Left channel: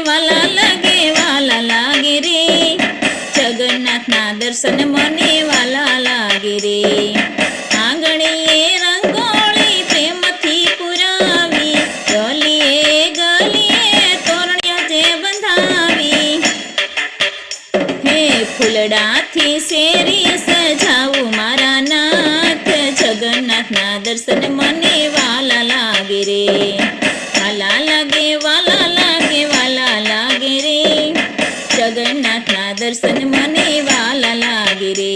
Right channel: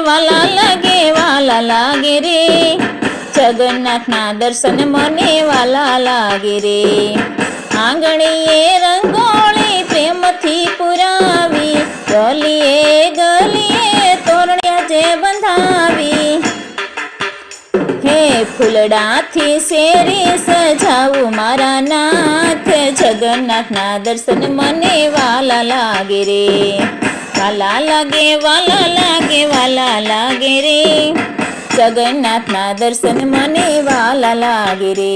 વાલા લાગે રે જગન્નાથના દર્શન મને વાલા લાગે રે આંગણીએ રંગોળી પ્રેમથી પુરાવી ગલીએ ગલીએ તોરણિયા જે બંધાવી હે ફૂલડાથી શેરી સજાવું મારા નાથ જગન્નાથના દર્શન મને વાલા લાગે રે વાલા લાગે રે જગન્નાથના દર્શન મને વાલા લાગે રે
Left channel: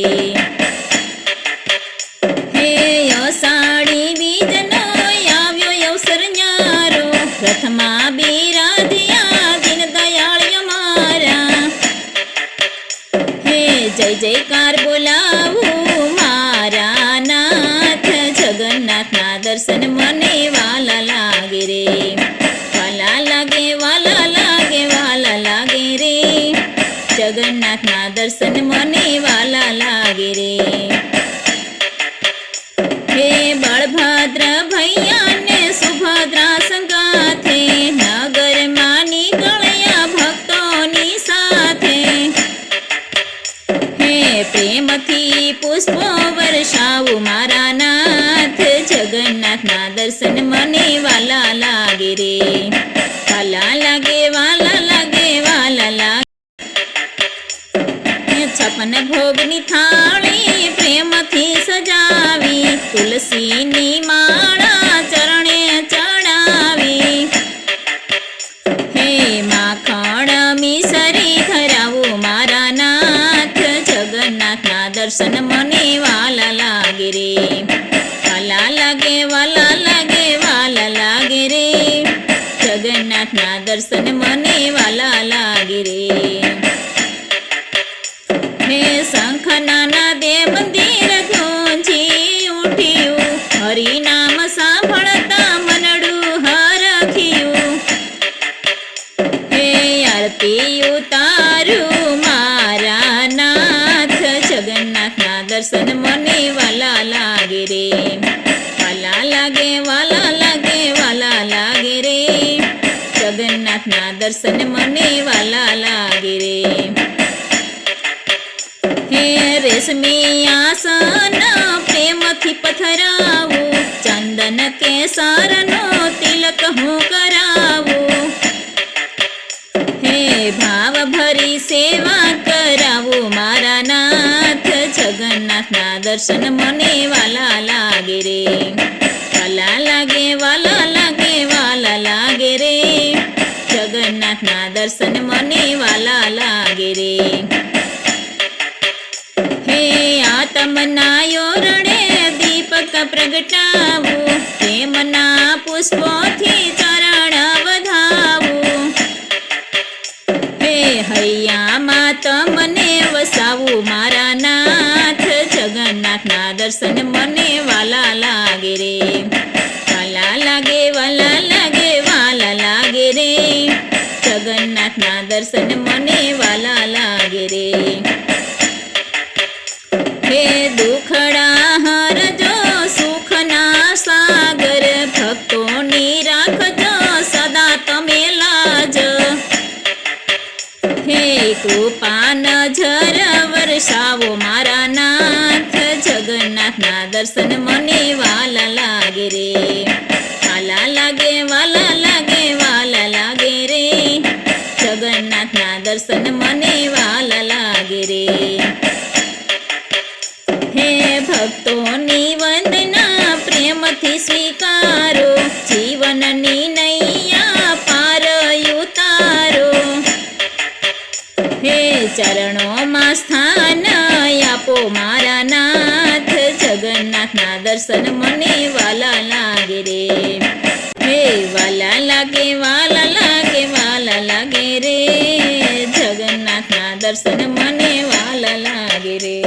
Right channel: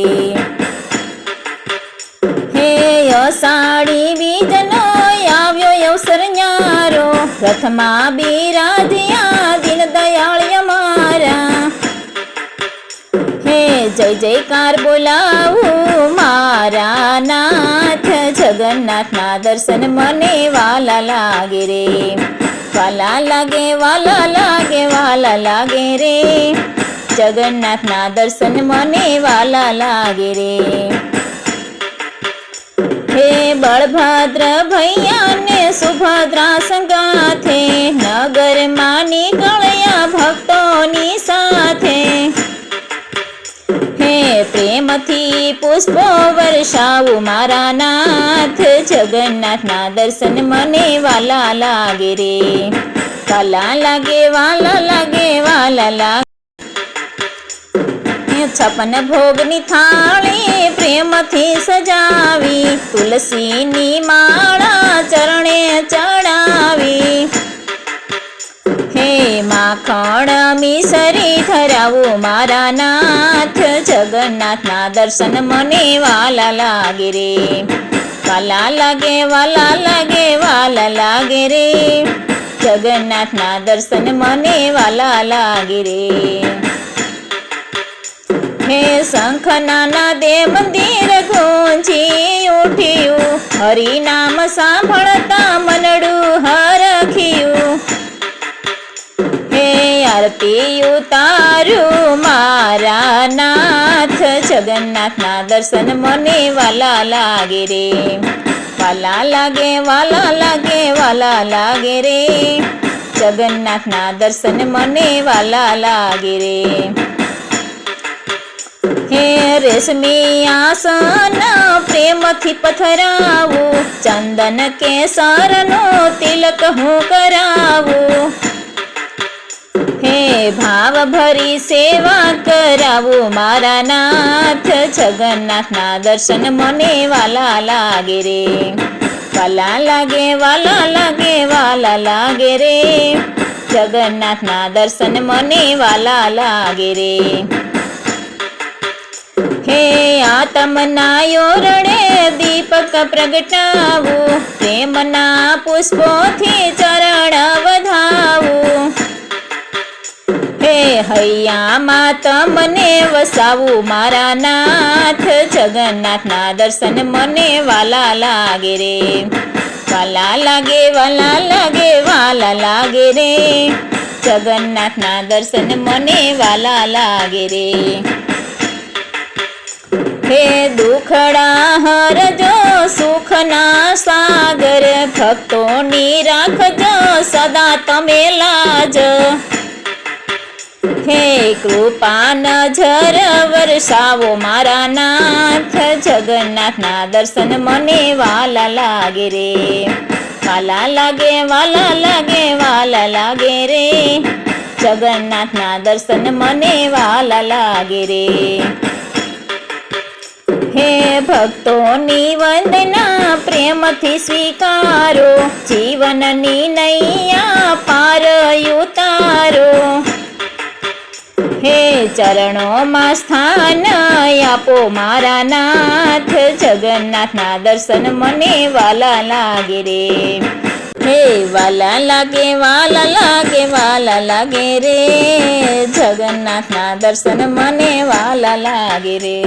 હે અષાઢી બીજનો આવ્યો અવસર ન્યારો રથમાં બિરાધ્યા દીન દયાળ અમારા હે જય જયકાર બોલાવું મારા નાથ જગન્નાથના દર્શન મને વાલા લાગે રે વાલા લાગે રે જગન્નાથના દર્શન મને વાલા લાગે રે હે બળભદ્ર ભૈયાને સુભદ્રા સંગાથે નગરમાં નીકળ્યા ભક્તોની સાથે હે પ્રેમથી પુષ્પો વર્ષાવું મારા નાથ જગન્નાથના દર્શન મને વાલા લાગે રે વાલા લાગે 56 ભોગની થાળી પ્રેમથી સજાવી તુલસીની માળા ચરણે ચડાવી હે માખણ મિસરી ધરાવું મારા નાથ જગન્નાથના દર્શન મને વાલા લાગે રે વાલા લાગે રે જગન્નાથના દર્શન મને વાલા લાગે રે હે શંખના દે મંદિર ગુંજી ઉઠ્યું હરિનામ સાંભળતા મનડું હરખ્યું હે આરતી ઉતારું મારા નાથ જગન્નાથના દર્શન મને વાલા લાગે રે વાલા લાગે રે જગન્નાથના દર્શન મને વાલા લાગે રે હે રેશમી આસન પ્રેમથી પથરાવું ચંદન કેસરનો તિલક હું કરાવું હે ભાવ ભરી સેવા કરાવું મારા નાથ જગન્નાથના દર્શન મને વાલા લાગે રે વાલા લાગે રે જગન્નાથના દર્શન મને વાલા લાગે રે હે આતમના યોરણે દીપક પ્રગટાવું પ્રેમના પુષ્પોથી ચરણ વધાવું હે હૈયામાં તમને વસાવું મારા નાથ જગન્નાથના દર્શન મને વાલા લાગે રે વાલા લાગે રે જગન્નાથના દર્શન મને વાલા લાગે રે હે દુખડા હરજો સુખના સાગર ભક્તોની રાખજો સદા તમે લાજ હે કૃપા નજર વરસાવો મારા નાથ જગન્નાથના દર્શન મને વાલા લાગે રે વાલા લાગે રે જગન્નાથના દર્શન મને વાલા લાગે રે હે ભક્તોની વંદના પ્રેમથી સ્વીકારો જીવનની નૈયા પાર ઉતારો હે ચરણોમાં સ્થાન આપો મારા નાથ જગન્નાથના દર્શન મને વાલા લાગે રે હે વાલા લાગે રે જગન્નાથના દર્શન મને વાલા લાગે રે